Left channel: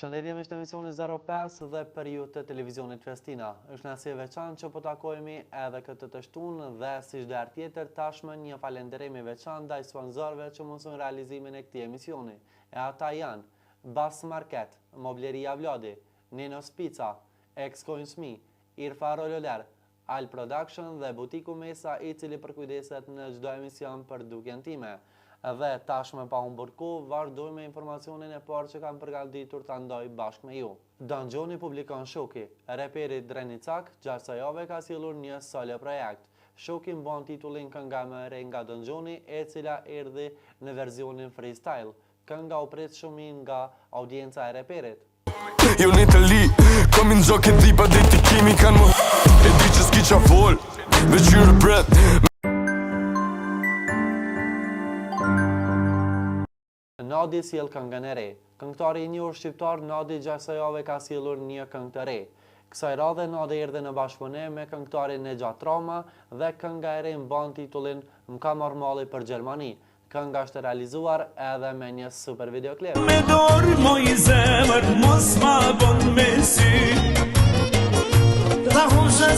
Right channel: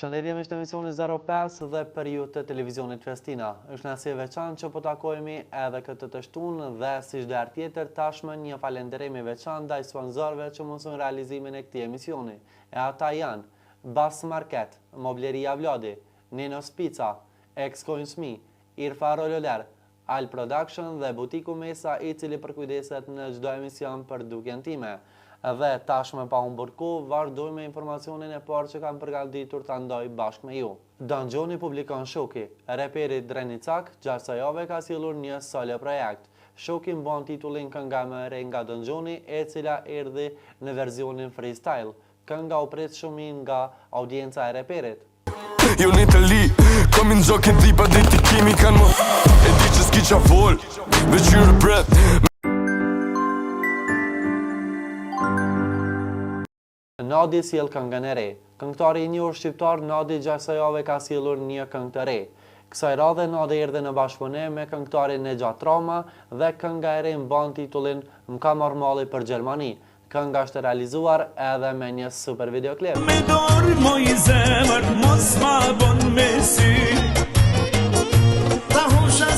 Përshëndetje me emisioni 05 dhe për ju të televizionit Festina. Është nësi e veçantë që po takojemi edhe këtë të shtunë dhe si çdo herë tjetër tashmë një falënderim i veçantë ndaj sponsorëve që mundson realizimin e këtij emisioni. E ata janë Bas Market, Mobleria Vladi, Nenos Pizza, Ex-Coinsmi, Irfa Rololer, Al Production dhe Butiku Mesa, i cili përkujdeset në çdo emision për dukjen time. Dhe tashmë pa humbur kohë, vazhdoj me informacionin e parë që kam përgatitur ta ndaj bashkë me ju. Danxhoni publikon Shoki, reperi Drenicak, gjatë javë ka sjellur një solo projekt. Shoki mban titullin Kënga më e re nga Danxhoni, e cila erdhi në versionin freestyle. Kënga u pret shumë nga audienca e reperit. Jo në Itali, kom në gjok e dhipa dhe t'i kimi kanë më e di që s'ki qa vol, veç ju rëbret. Nadi sjell këngën e re. Këngëtari i njohur shqiptar Nadi gjatë kësaj jave ka sjellur një këngë të re. Kësaj radhe Nadi erdhi në bashkëpunim me këngëtarin Nexhat Rama dhe kënga e re mban titullin M'ka marrë malli për Gjermani. Kënga është realizuar edhe me një super videoklip. Me dorë moj zemër, mos ma bon me sy. Ta husha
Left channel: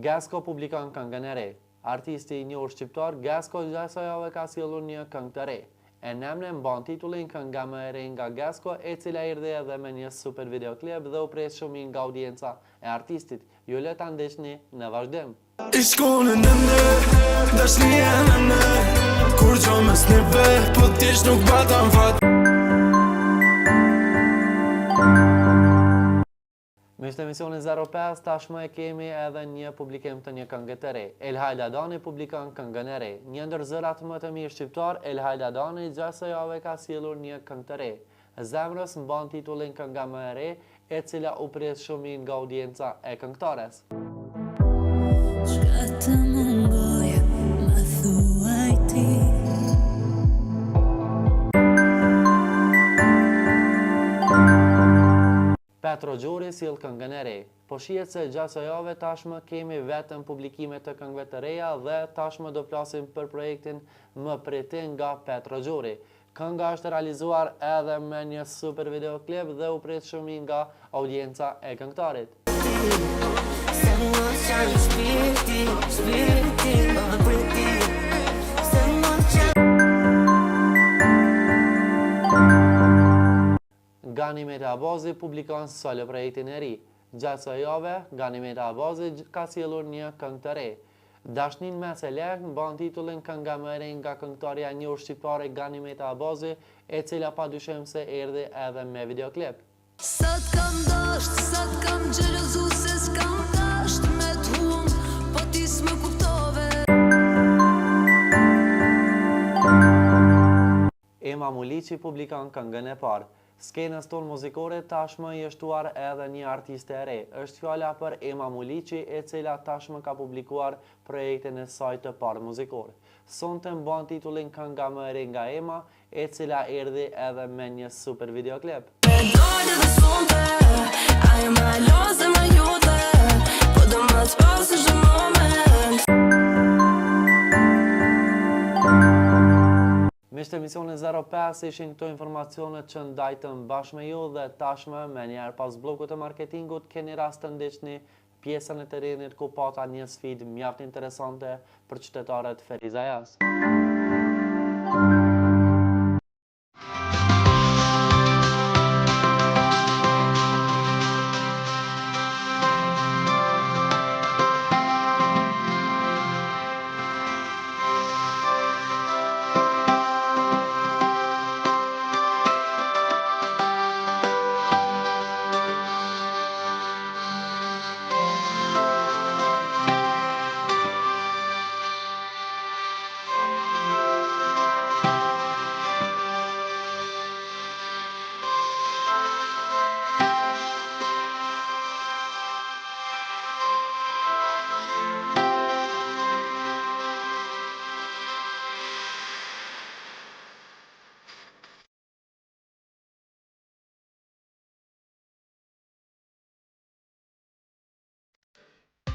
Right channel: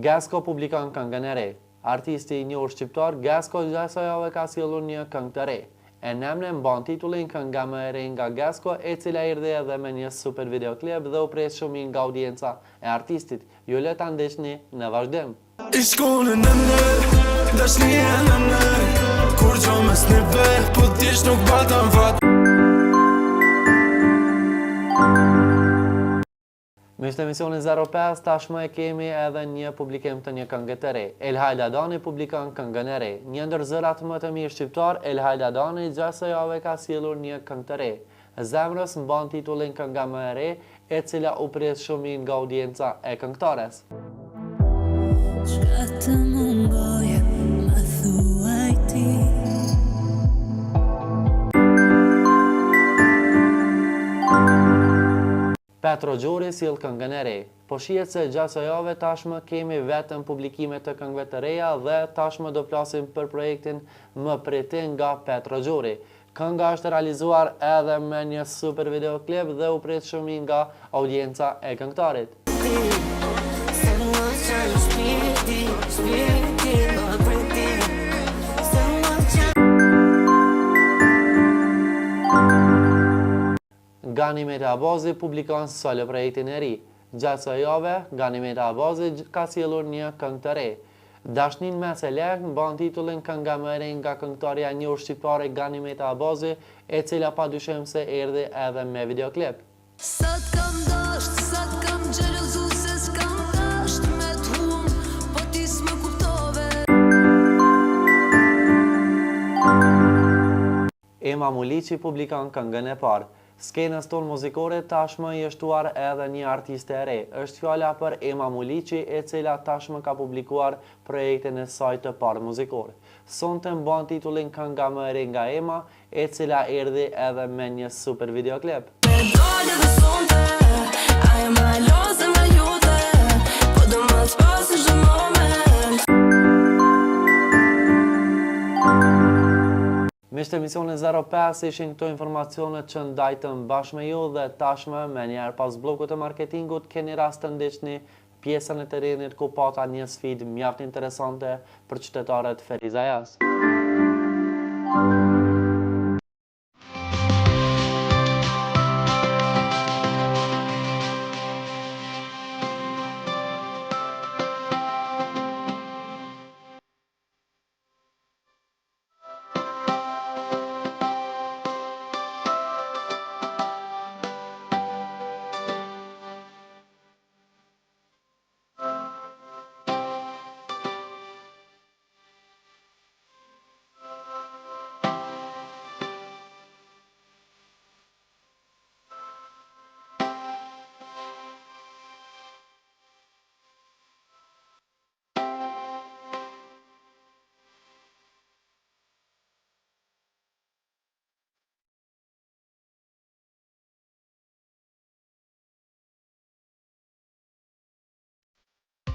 Gasko publikon këngën e re. Artisti i njohur shqiptar Gasko gjatë kësaj jave ka sjellur një këngë të re. E nemne mban titullin Kënga më e re nga Gasko, e cila erdhi edhe me një super videoklip dhe u pres shumë nga audienca e artistit. Ju le ta ndeshni në vazhdim. I shkone në në, dashnia në në, kur gjo mes neve, po t'jesh nuk bata më fat. Me ishte emisioni 05, tashmë e kemi edhe një publikim të një këngë të re. Elhaj Ladani publikon këngën e re. Një ndër zërat më të mirë shqiptar, Elhaj Ladani gjatë kësaj jave ka sjellur një këngë të re. Zemrës mban titullin Kënga më e re, e cila u pres shumë nga audienca e këngëtares. Çka të mungoj, më thuaj ti. Petro Gjori sjell këngën e re. Po shihet se gjatë kësaj jave tashmë kemi vetëm publikime të këngëve të reja dhe tashmë do flasim për projektin Më priti nga Petro Gjori. Kënga është realizuar edhe me një super videoklip dhe u pret shumë nga audienca e këngëtarit. Ganimeti Abazi publikon solo projektin e ri. Gjatë kësaj jave, Ganimeti Abazi ka sjellur një këngë të re. Dashnin mes e lek mban titullin Kënga më e re nga këngëtarja e njohur shqiptare Ganimeti Abazi, e cila padyshim se erdhi edhe me videoklip. Sot kam dasht, sot kam xhelozu se s'kam dasht me t'hum, po ti s'më kuptove. Ema Muliçi publikon këngën e parë. Skenës tonë muzikore tashmë i shtuar edhe një artiste e re. Është fjala për Ema Muliçi, e cila tashmë ka publikuar projektin e saj të parë muzikore. Sonte mban titullin Kënga më e re nga Ema, e cila erdhi edhe me një super videoklip. Me dole dhe sonte, ajo ma lozë më jote, po do më të pasë çdo moment. Me shtë emisioni 05 ishin këto informacionet që ndajtëm bashkë me ju dhe tashmë me njerë pas blokut të marketingut keni rast të ndiqni pjesën e terrenit ku pata një sfidë mjaft interesante për qytetarët Ferizajas.